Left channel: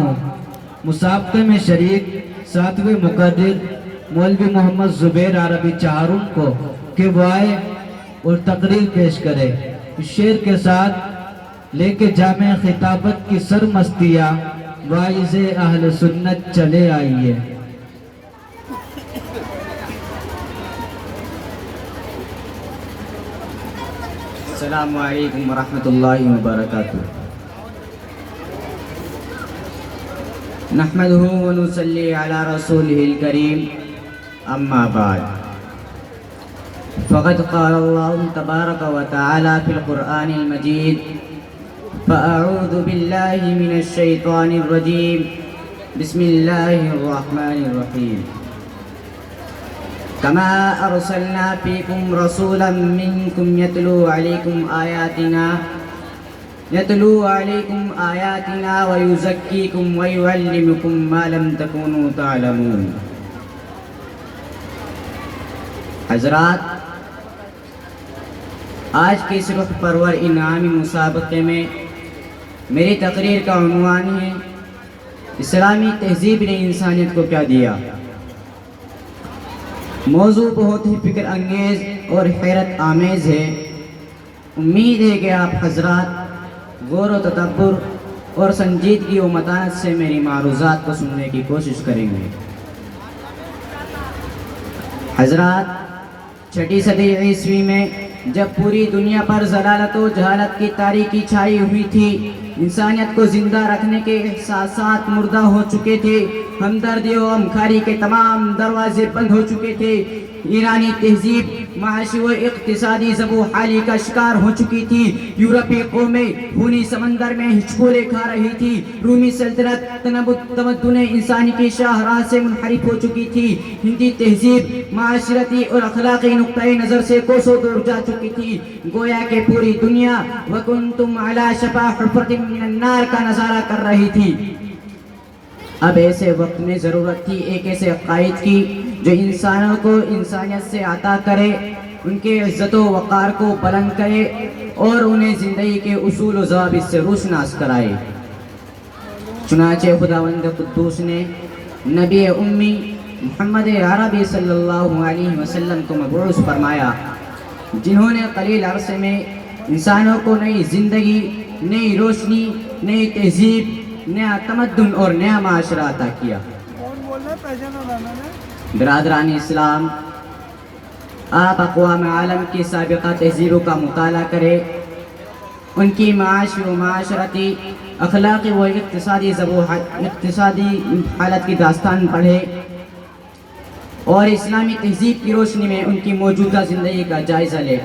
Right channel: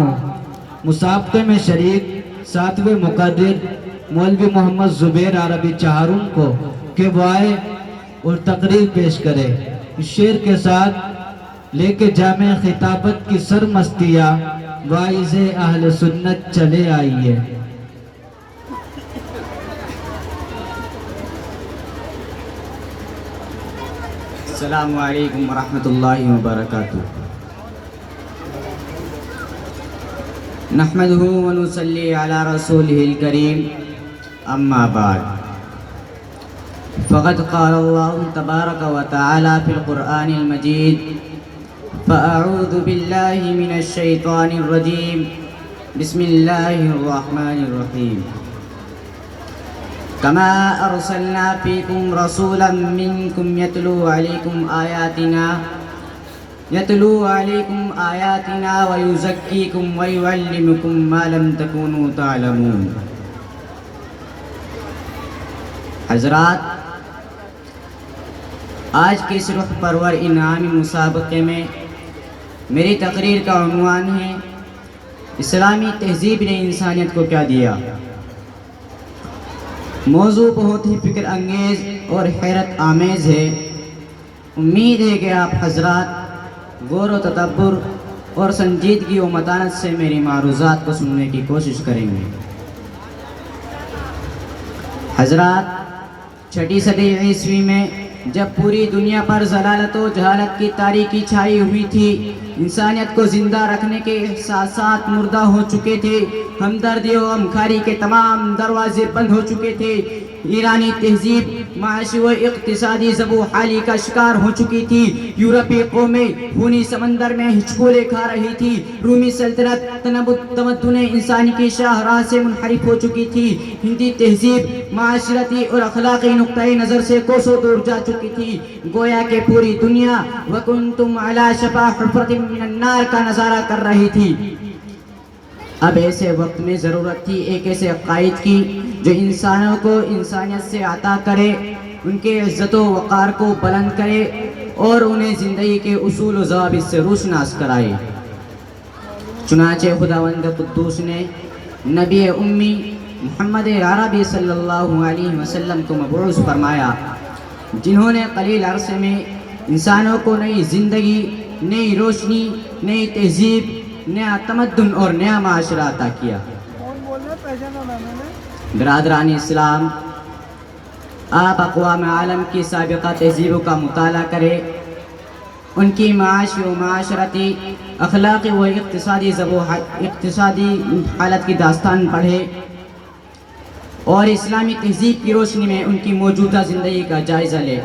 ہوں مسابقے میں شریک 7ویں مقرر مولوی محمد زبیر عربی چہارم کو کہ وہ آئے اور تقریر پیش کرے۔ اس شعر کے ساتھ لے کے جامع خطابت کی سرمستیاں واعظ اہل سنت چلے آئیے۔ السلام علیکم ورحمۃ اللہ وبرکاتہ۔ نحمده ونصلی علی رسولہ الکریم، اما بعد فقد قال اللہ تبارک وتعالی فی القرآن المجید فاعوذ باللہ من الشیطان الرجیم بسم اللہ الرحمن الرحیم كما أرسلنا فيكم رسولا منكم يتلو عليكم آياتنا ويزكيكم ويعلمكم ما لم تكونوا تعلمون۔ حضرات، آج کے اس رخ پرور انعامی مسابقے میں میری تقریر کا عنوان ہے اسلامی تہذیب نے انسانیت کو کیا دیا۔ موضوع بہت ہی فکر انگیز اور حیرت آمیز ہے۔ امید ہے کہ آپ حضرات غور و تدبر اور سنجیدگی و متانت سے میری معروضات کو سننے کی کوشش کریں گے۔ حضرات، 6 صدی عیسوی میں جب پوری دنیا پر ضلالت و جہالت کی تاریکی چھائی ہوئی تھی، انسانیت کو زندہ رکھنے کے احساسات مردہ ہو چکے تھے، ہمدردی و ہمکاری کے تمام دروازے بند ہو چکے تھے، ایرانی تہذیب معاشی و اقتصادی زب و حالی کا شکار ہو چکی تھی، یورپی قومیں خونی سمندر میں ہچکولے کھا رہی تھی، رومی سلطنت تمدن انسانی کی شاہراہ سے منحرف ہو چکی تھی، ہندی تہذیب معاشرتی اور اخلاقی نقطۂ نظر سے کوسوں دور جا چکی تھی، گویا کہ پوری دنیا وَكُنْتُمْ عَلَى شَفَا حُفْرَةٍ مِّنَ النَّارِ کا نظارہ کر رہی تھی۔ اب ایسے وقت میں ضرورت تھی ایک ایسے قائد کی جو انسانوں کو انسانیت سے عطا کرے، ان کے عزت و وقار کو بلند کرے اور انہیں زندگی کے اصول و ضوابط سے روشناس کرائے۔ چنانچہ خداوند قدوس نے نبی امی محمد عربی صلی اللہ علیہ وسلم کو مبعوث فرمایا، جنہوں نے قلیل عرصے میں انسانوں کو نئی زندگی، نئی روشنی، نئی تہذیب، نیا تمدن اور نیا معاشرہ عطا کیا۔ برادران اسلام، آپ اقوام عالم کی سابقہ تہذیبوں کا مطالعہ کریں، ان کی معاشی و معاشرتی، اخلاقی و اقتصادی حالت کی داستان پڑھیں اور اسلامی تہذیب کی روشنی میں ان کی موجودہ زندگی کا جائزہ لیں،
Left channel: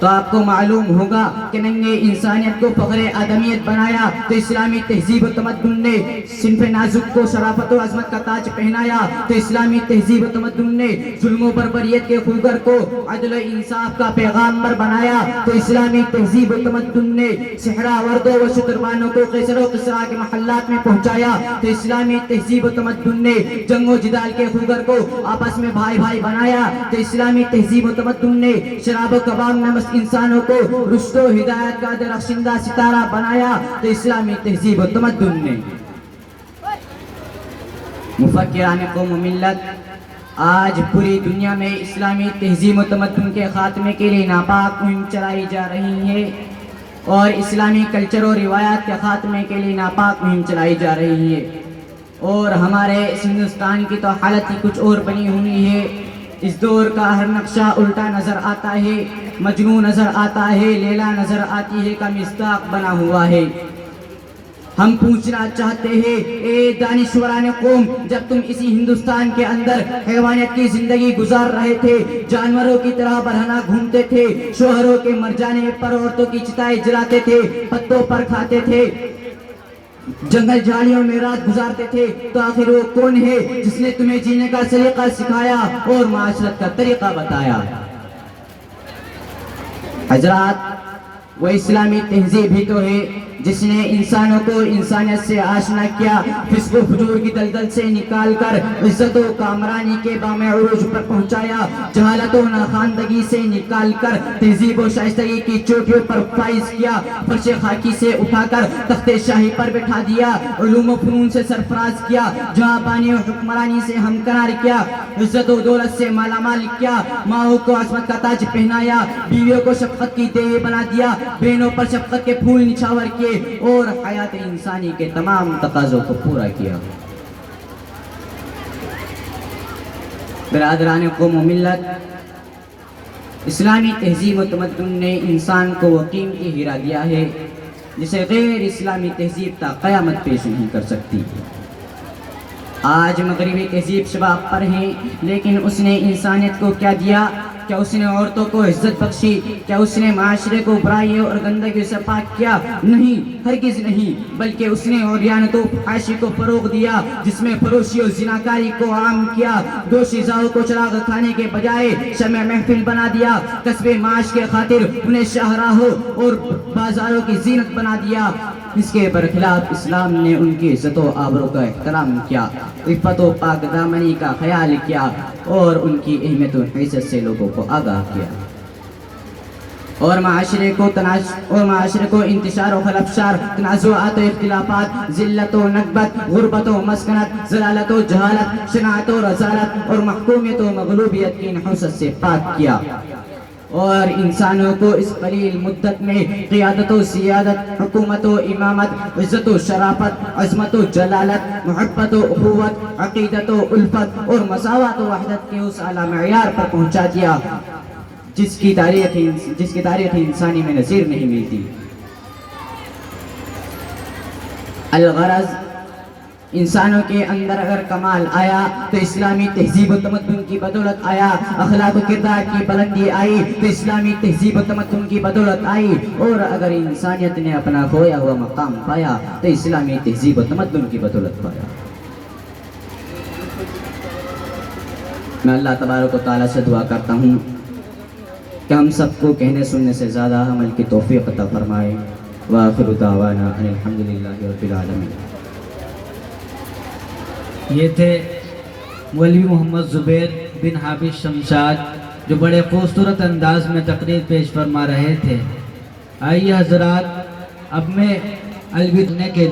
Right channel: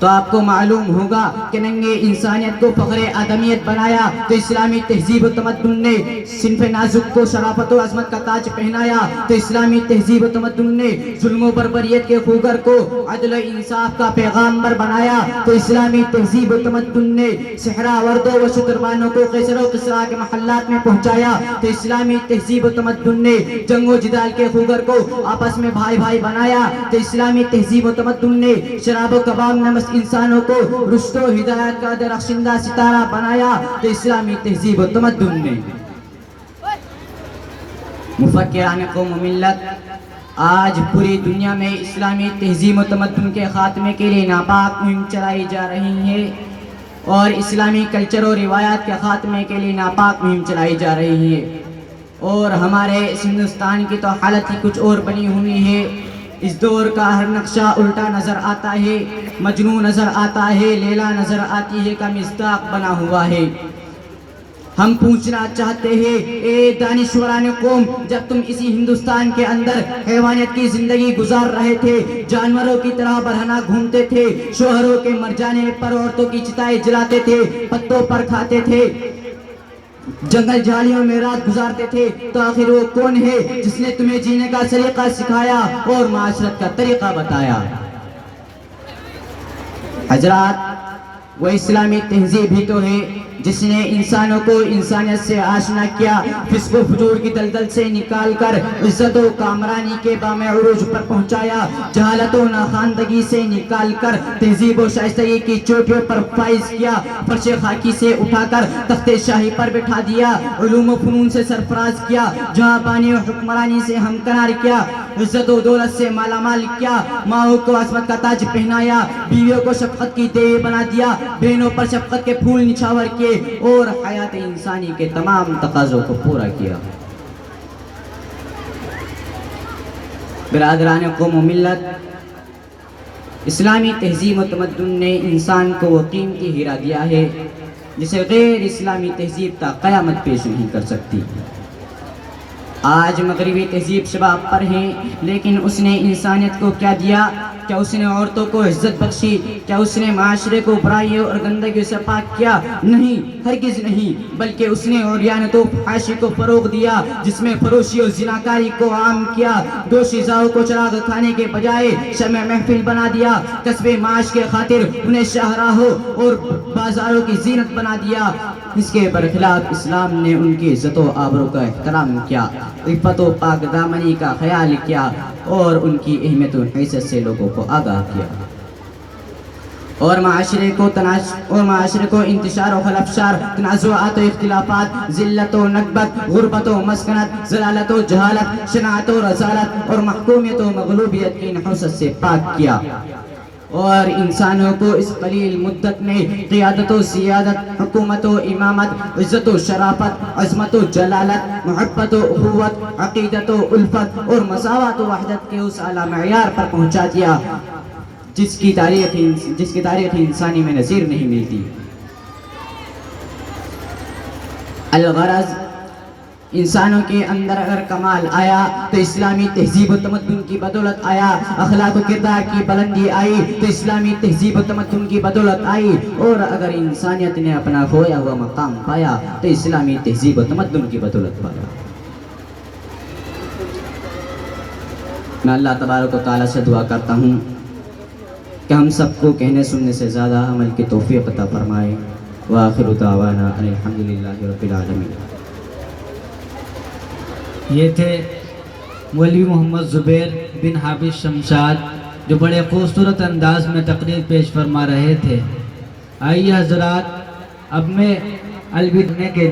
تو آپ کو معلوم ہوگا کہ ننگے انسانیت کو فخر آدمیت بنایا تو اسلامی تہذیب و تمدن نے صنف نازک کو شرافت و عظمت کا تاج پہنایا، تو اسلامی تہذیب و تمدن نے ظلم و بربریت کے خوگر کو عدل و انصاف کا پیغامبر بنایا، تو اسلامی تہذیب و تمدن نے صحرا وردوں و شتربانوں کو قیصر و کسریٰ کے محلات میں پہنچایا، تو اسلامی تہذیب و تمدن نے جنگ و جدال کے خوگر کو آپس میں بھائی بھائی بنایا، تو اسلامی تہذیب و تمدن نے شراب و کباب نمس انسانوں کو رشد و ہدایت کا درخشندہ ستارہ بنایا، تو اسلامی تہذیب و تمدن نے مفکران قوم و ملت آج پوری دنیا میں اسلامی تہذیب و تمدن کے خاتمے کے لیے ناپاک مہم چلائی جا رہی ہے، اور اسلامی کلچر و روایات کے خاتمے کے لیے ناپاک مہم چلائی جا رہی ہے، اور ہمارے ہندوستان کی تو حالت ہی کچھ اور بنی ہوئی ہے۔ اس دور کا ہر نقشہ الٹا نظر آتا ہے، مجنون نظر آتا ہے، لیلا نظر آتی ہے کا مصداق بنا ہوا ہے۔ ہم پوچھنا چاہتے ہیں، اے دانشوران قوم، جب تم اسی ہندوستان کے اندر حیوانیت کی زندگی گزار رہے تھے، جانوروں کی طرح برہنہ گھومتے تھے، شوہروں کے مر جانے پر عورتوں کی چتائیں جلاتے تھے، پتوں پر کھاتے تھے، جنگل جھاڑیوں میں رات گزارتے تھے، تو آخر وہ کون ہے جس نے تمہیں جینے کا سلیقہ سکھایا اور معاشرت کا طریقہ بتایا؟ حضرات، وہ اسلامی تہذیب ہی تو ہے جس نے انسانوں کو انسانیت سے آشنا کیا، فسق و فجور کی دلدل سے نکال کر عزت و کامرانی کے بام عروج پر پہنچایا، جہالت و ناخواندگی سے نکال کر تہذیب و شائستگی کی چوٹیوں پر فائز کیا، فرش خاکی سے اٹھا کر تخت شاہی پر بٹھا دیا، علوم و فنون سے سرفراز کیا، جہاں بانی و حکمرانی سے ہمکنار کیا، عزت و دولت سے مالا مال کیا، ماؤں کو عصمت کا تاج پہنایا، بیویوں کو شفقت کی دیوی بنا دیا، بہنوں پر شفقت کے پھول نچھاور کیے اور حیات انسانی کے تمام تقاضوں کو پورا کیا۔ برادران قوم و ملت، اسلامی تہذیب و تمدن نے انسان کو وہ قیمتی ہیرا دیا ہے جسے غیر اسلامی تہذیب تا قیامت پیش نہیں کر سکتی۔ آج مغربی تہذیب شباب پر ہیں، لیکن اس نے انسانیت کو کیا دیا؟ کیا اس نے عورتوں کو عزت بخشی؟ کیا اس نے معاشرے کو برائیوں اور گندگیوں سے پاک کیا؟ نہیں، ہرگز نہیں، بلکہ اس نے عریانت و فحاشی کو فروغ دیا، جس میں فروشی اور زناکاری کو عام کیا، دوشی زاؤ کو چراغ کھانے کے بجائے شمع محفل بنا دیا، کسب معاش کے خاطر انہیں شاہراہوں اور بازاروں کی زینت بنا دیا۔ اس کے برخلاف اسلام نے ان کی عزت و آبرو کا احترام کیا، عفت و پاک دامنی کا خیال کیا اور ان کی اہمیت و حیثیت سے لوگوں کو آگاہ کیا، اور معاشرے کو انتشار و خلفشار، تنازعات و اختلافات، ذلت و نکبت، غربت و مسکنت، ضلالت و جہالت، شناعت و رذالت اور محکومیت و مغلوبیت کی نحوست سے پاک کیا، اور انسانوں کو اس قلیل مدت میں قیادت و سیادت، حکومت و امامت، عزت و شرافت، عظمت و جلالت، محبت و اخوت، عقیدت و الفت اور مساوات و وحدت کے اس اعلیٰ معیار پر پہنچا دیا جس کی تاریخ انسانی میں نظیر نہیں ملتی۔ الغرض، انسانوں کے اندر اگر کمال آیا تو اسلامی تہذیب و تمدن کی بدولت آیا، اخلاق و کردار کی بلندی آئی تو اسلامی تہذیب و تمدن کی بدولت آئی، اور اگر انسانیت نے اپنا کھویا ہوا مقام پایا تو اسلامی تہذیب و تمدن کی بدولت پایا۔ میں اللہ تبارک و تعالیٰ سے دعا کرتا ہوں کہ ہم سب کو کہنے سننے سے زیادہ عمل کی توفیق عطا فرمائے۔ وآخر دعوانا ان الحمدللہ رب العالمین۔ یہ تھے مولوی محمد زبیر بن حافظ شمشاد، جو بڑے خوبصورت انداز میں تقریر پیش فرما رہے تھے۔ آئیے حضرات، اب میں الوداع کے لیے